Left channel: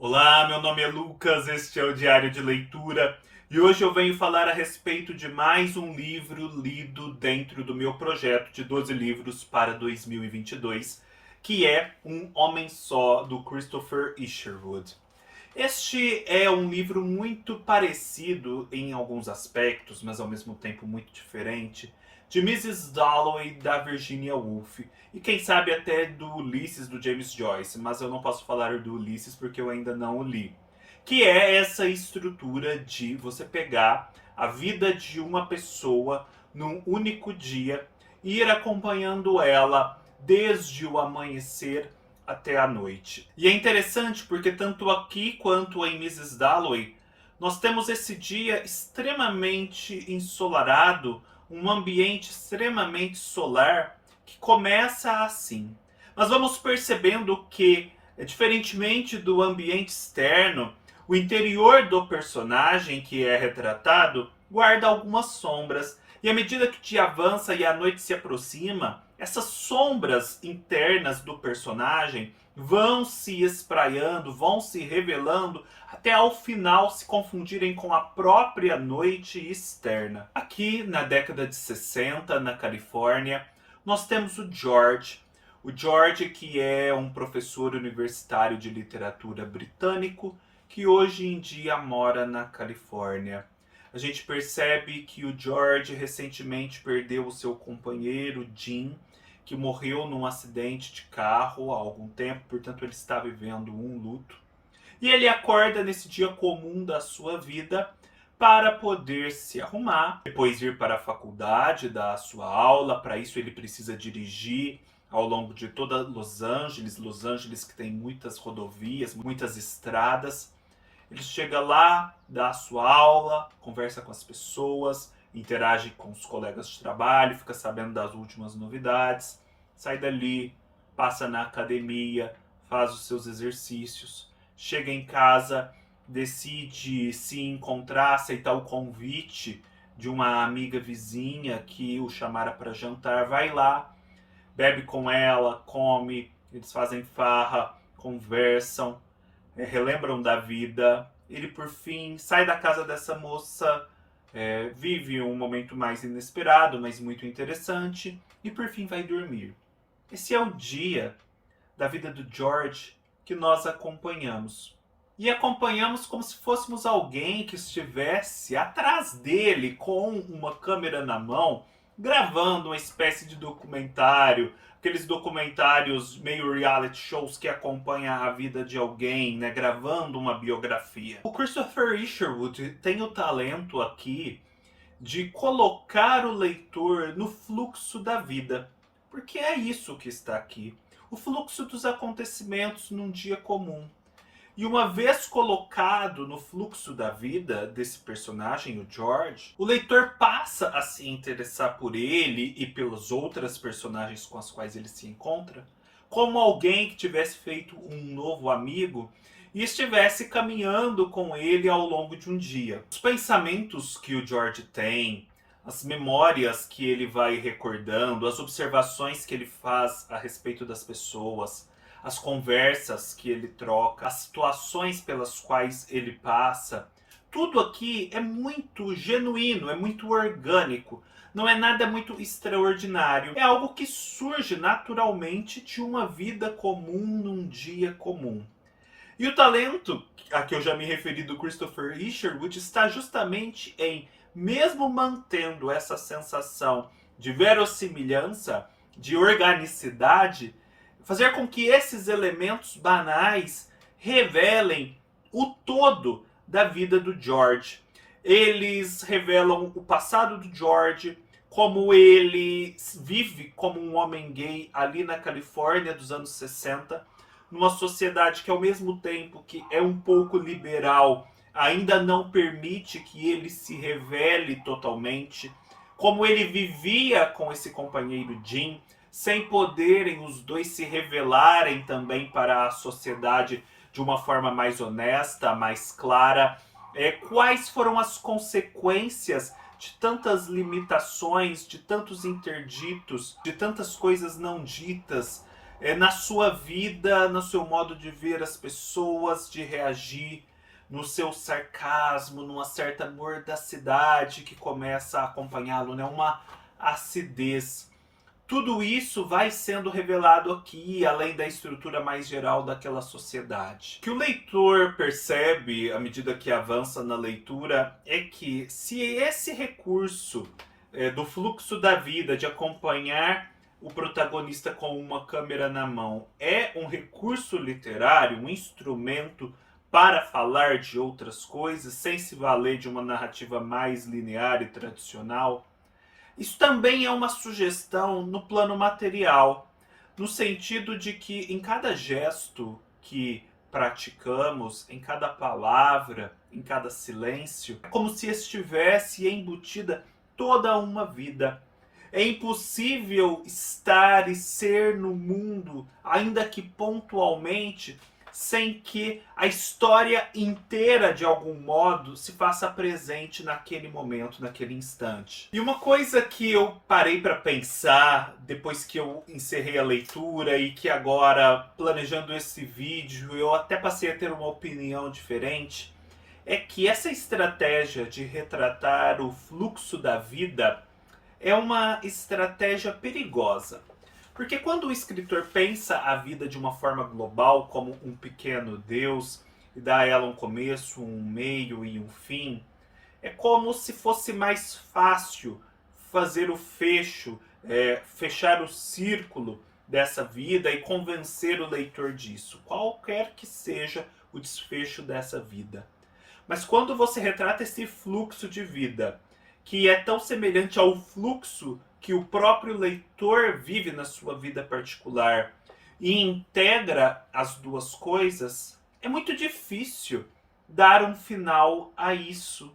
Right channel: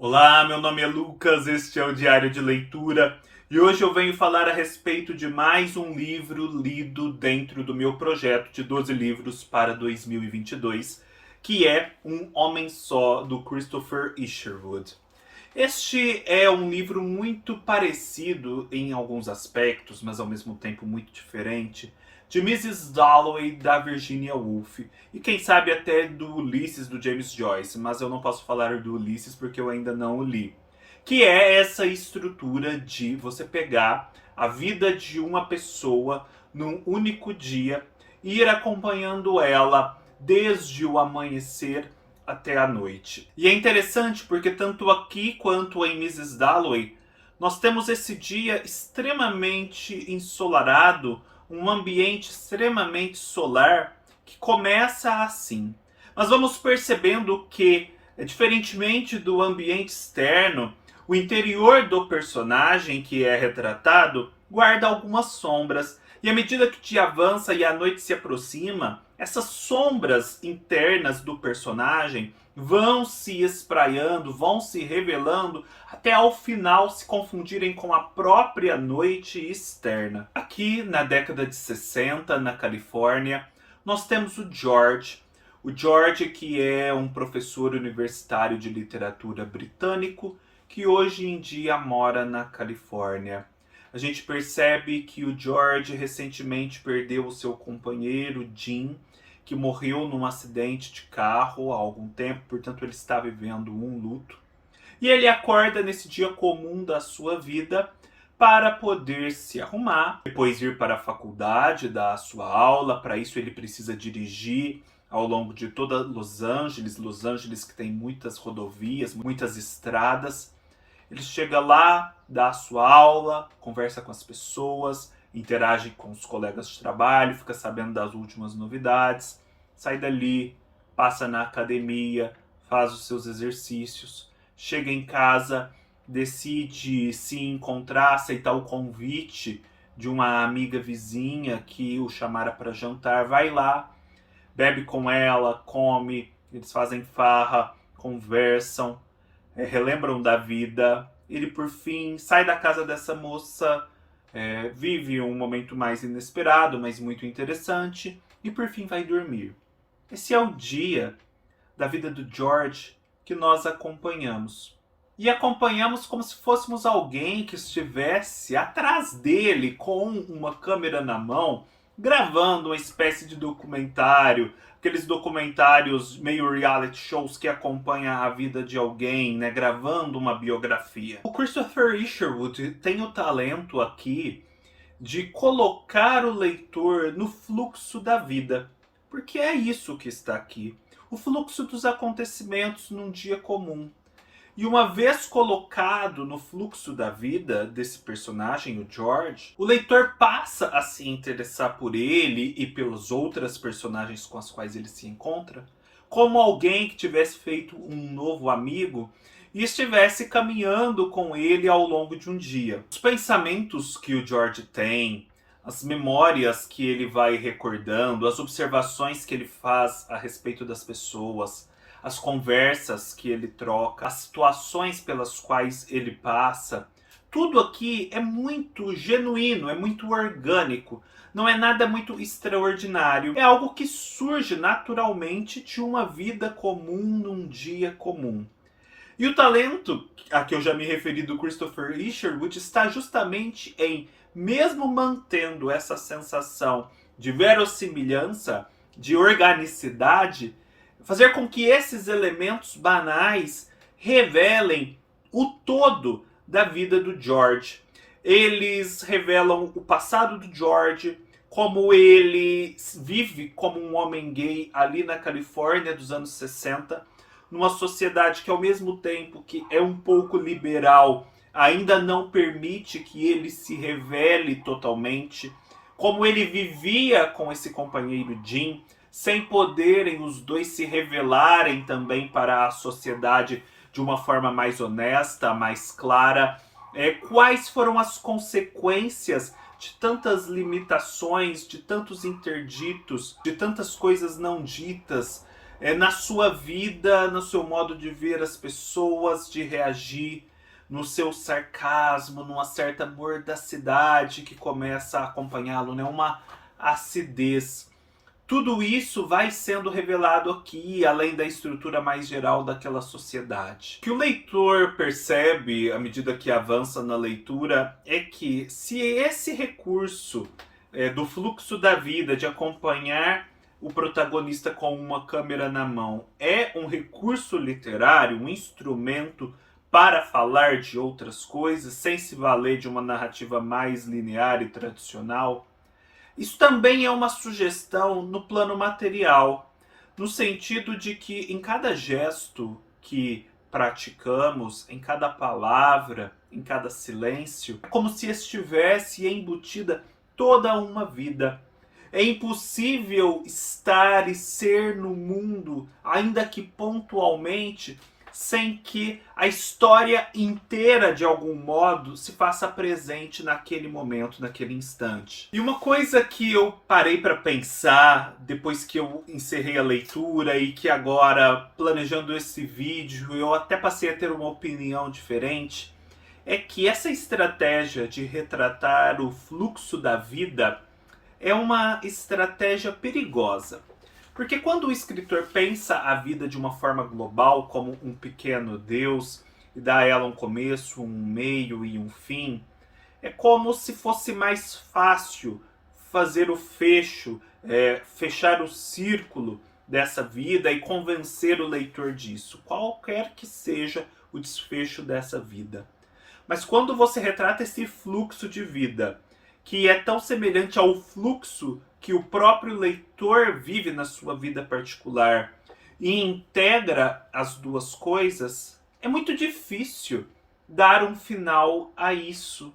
Olá, meu nome é Lucas, este é o Diário de Leitura e hoje eu venho falar a respeito de mais um livro lido dentro do meu projeto de 12 livros para 2022, que é Um Homem Só, do Christopher Isherwood. Este é um livro muito parecido em alguns aspectos, mas ao mesmo tempo muito diferente, de Mrs. Dalloway, da Virginia Woolf, e quem sabe até do Ulisses, do James Joyce, mas eu não posso falar do Ulisses porque eu ainda não o li. Que é essa estrutura de você pegar a vida de uma pessoa num único dia e ir acompanhando ela desde o amanhecer até a noite. E é interessante porque tanto aqui quanto em Mrs. Dalloway, nós temos esse dia extremamente ensolarado, um ambiente extremamente solar que começa assim. Mas vamos percebendo que, diferentemente do ambiente externo, o interior do personagem que é retratado guarda algumas sombras. E à medida que o dia avança e a noite se aproxima, essas sombras internas do personagem vão se espraiando, vão se revelando, até ao final se confundirem com a própria noite externa. Aqui na década de 60, na Califórnia, nós temos o George. O George, que é um professor universitário de literatura britânico, que hoje em dia mora na Califórnia. A gente percebe que o George recentemente perdeu o seu companheiro, Jim, que morreu num acidente de carro há algum tempo, portanto ele está vivendo um luto. E ele acorda nesse dia comum da sua vida para poder se arrumar, depois ir para a faculdade, dar a sua aula. Para isso ele precisa dirigir ao longo de toda Los Angeles que tem muitas rodovias, muitas estradas. Ele chega lá, dá a sua aula, conversa com as pessoas, interage com os colegas de trabalho, fica sabendo das últimas novidades, sai dali, passa na academia, faz os seus exercícios, chega em casa, decide se encontrar, aceitar o convite de uma amiga vizinha que o chamara para jantar, vai lá, bebe com ela, come, eles fazem farra, conversam, relembram da vida. Ele, por fim, sai da casa dessa moça, vive um momento mais inesperado, mas muito interessante, e por fim vai dormir. Esse é o dia da vida do George que nós acompanhamos. E acompanhamos como se fôssemos alguém que estivesse atrás dele com uma câmera na mão, gravando uma espécie de documentário, aqueles documentários meio reality shows que acompanham a vida de alguém, né, gravando uma biografia. O Christopher Isherwood tem o talento aqui de colocar o leitor no fluxo da vida, porque é isso que está aqui, o fluxo dos acontecimentos num dia comum. E uma vez colocado no fluxo da vida desse personagem, o George, o leitor passa a se interessar por ele e pelas outras personagens com as quais ele se encontra, como alguém que tivesse feito um novo amigo e estivesse caminhando com ele ao longo de um dia. Os pensamentos que o George tem, as memórias que ele vai recordando, as observações que ele faz a respeito das pessoas, as conversas que ele troca, as situações pelas quais ele passa, tudo aqui é muito genuíno, é muito orgânico. Não é nada muito extraordinário. É algo que surge naturalmente de uma vida comum num dia comum. E o talento a que eu já me referi do Christopher Isherwood está justamente em, mesmo mantendo essa sensação de verossimilhança, de organicidade, fazer com que esses elementos banais revelem o todo da vida do George. Eles revelam o passado do George, como ele vive como um homem gay ali na Califórnia dos anos 60, numa sociedade que, ao mesmo tempo que é um pouco liberal, ainda não permite que ele se revele totalmente, como ele vivia com esse companheiro Jim, sem poderem os dois se revelarem também para a sociedade de uma forma mais honesta, mais clara. Quais foram as consequências de tantas limitações, de tantos interditos, de tantas coisas não ditas, na sua vida, no seu modo de ver as pessoas, de reagir, no seu sarcasmo, numa certa mordacidade que começa a acompanhá-lo, né? Uma acidez. Tudo isso vai sendo revelado aqui, além da estrutura mais geral daquela sociedade. O que o leitor percebe à medida que avança na leitura é que se esse recurso do fluxo da vida, de acompanhar o protagonista com uma câmera na mão, é um recurso literário, um instrumento para falar de outras coisas, sem se valer de uma narrativa mais linear e tradicional, isso também é uma sugestão no plano material, no sentido de que em cada gesto que praticamos, em cada palavra, em cada silêncio, é como se estivesse embutida toda uma vida. É impossível estar e ser no mundo, ainda que pontualmente, sem que a história inteira, de algum modo, se faça presente naquele momento, naquele instante. E uma coisa que eu parei para pensar depois que eu encerrei a leitura e que agora, planejando esse vídeo, eu até passei a ter uma opinião diferente, é que essa estratégia de retratar o fluxo da vida é uma estratégia perigosa. Porque quando o escritor pensa a vida de uma forma global, como um pequeno Deus, e dá a ela um começo, um meio e um fim, é como se fosse mais fácil fazer o fecho, fechar o círculo dessa vida e convencer o leitor disso, qualquer que seja o desfecho dessa vida. Mas quando você retrata esse fluxo de vida, que é tão semelhante ao fluxo que o próprio leitor vive na sua vida particular e integra as duas coisas, é muito difícil dar um final a isso.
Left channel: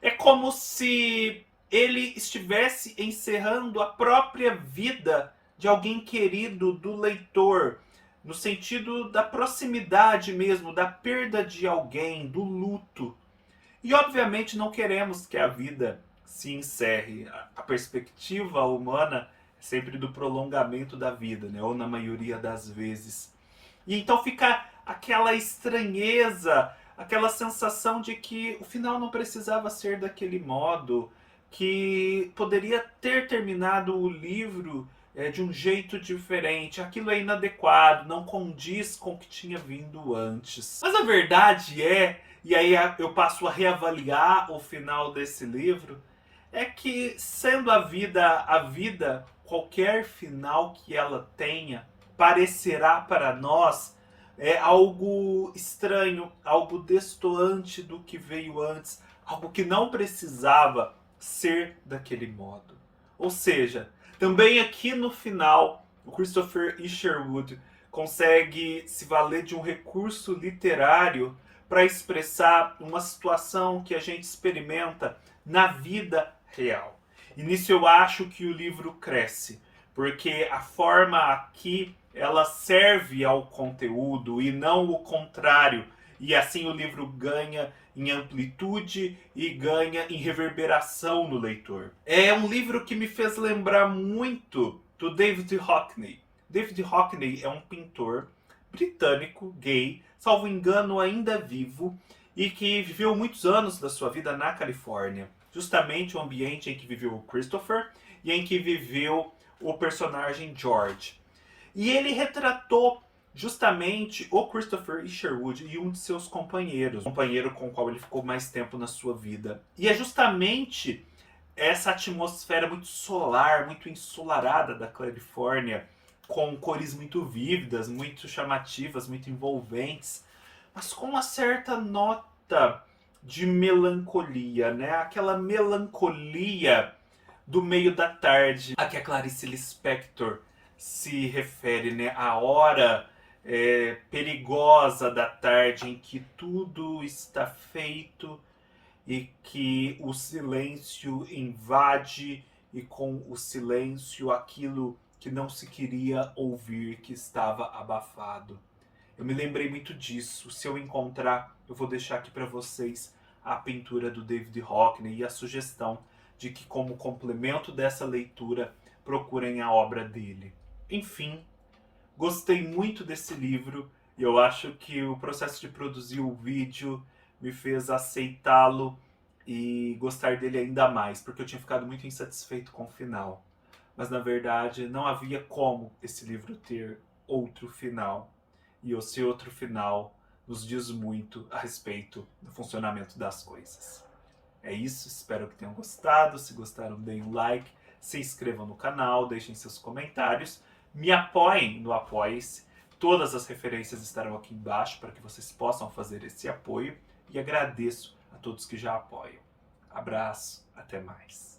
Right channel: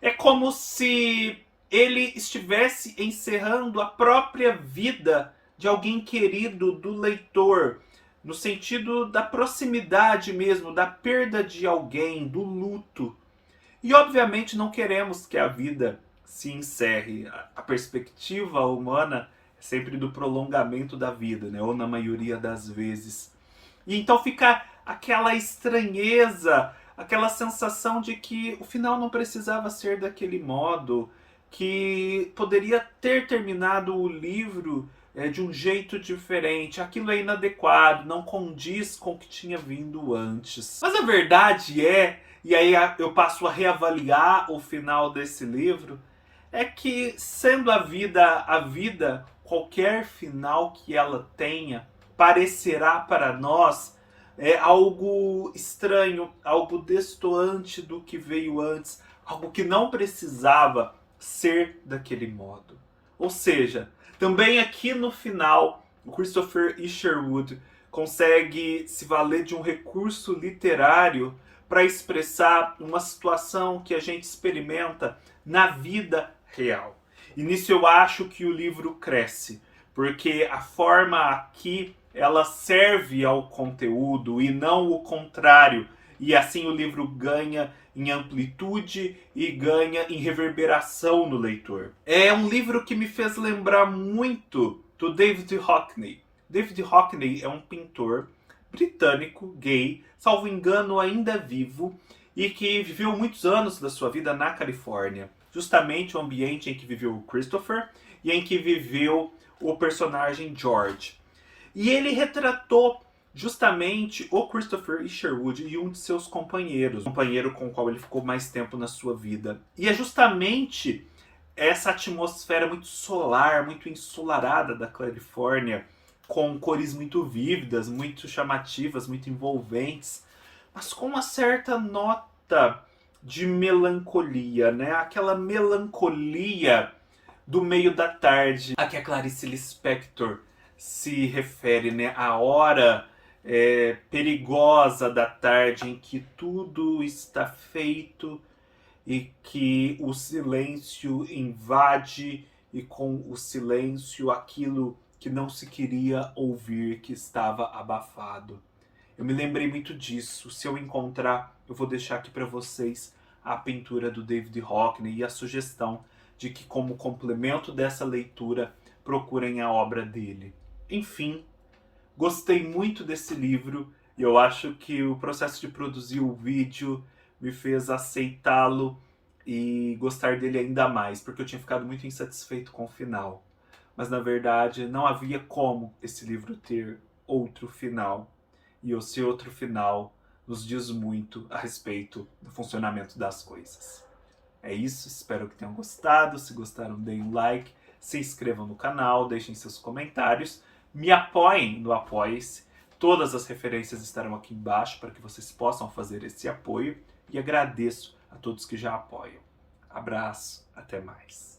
É como se ele estivesse encerrando a própria vida de alguém querido do leitor, no sentido da proximidade mesmo, da perda de alguém, do luto. E obviamente não queremos que a vida se encerre. A perspectiva humana é sempre do prolongamento da vida, né? Ou na maioria das vezes. E então fica aquela estranheza, aquela sensação de que o final não precisava ser daquele modo, que poderia ter terminado o livro de um jeito diferente. Aquilo é inadequado, não condiz com o que tinha vindo antes. Mas a verdade é, e aí eu passo a reavaliar o final desse livro, é que sendo a vida, qualquer final que ela tenha, parecerá para nós algo estranho, algo destoante do que veio antes, algo que não precisava ser daquele modo. Ou seja, também aqui no final, o Christopher Isherwood consegue se valer de um recurso literário para expressar uma situação que a gente experimenta na vida real. E nisso eu acho que o livro cresce, porque a forma aqui ela serve ao conteúdo e não o contrário. E assim o livro ganha em amplitude e ganha em reverberação no leitor. É um livro que me fez lembrar muito do David Hockney. David Hockney é um pintor britânico, gay, salvo engano ainda vivo, e que viveu muitos anos da sua vida na Califórnia. Justamente o ambiente em que viveu o Christopher e em que viveu o personagem George. E ele retratou justamente o Christopher Isherwood e um de seus companheiros, o companheiro com o qual ele ficou mais tempo na sua vida. E é justamente essa atmosfera muito solar, muito ensolarada da Califórnia, com cores muito vívidas, muito chamativas, muito envolventes, mas com uma certa nota de melancolia, né? Aquela melancolia do meio da tarde a que a Clarice Lispector se refere, né? A hora perigosa da tarde em que tudo está feito e que o silêncio invade, e com o silêncio aquilo que não se queria ouvir, que estava abafado. Eu me lembrei muito disso. Se eu encontrar, eu vou deixar aqui para vocês a pintura do David Hockney e a sugestão de que, como complemento dessa leitura, procurem a obra dele. Enfim, Gostei muito desse livro e eu acho que o processo de produzir o vídeo me fez aceitá-lo e gostar dele ainda mais, porque eu tinha ficado muito insatisfeito com o final. Mas na verdade não havia como esse livro ter outro final. E esse outro final nos diz muito a respeito do funcionamento das coisas. É isso, espero que tenham gostado. Se gostaram, deem um like, se inscrevam no canal, deixem seus comentários, me apoiem no Apoie-se. Todas as referências estarão aqui embaixo para que vocês possam fazer esse apoio e agradeço a todos que já apoiam. Abraço, até mais.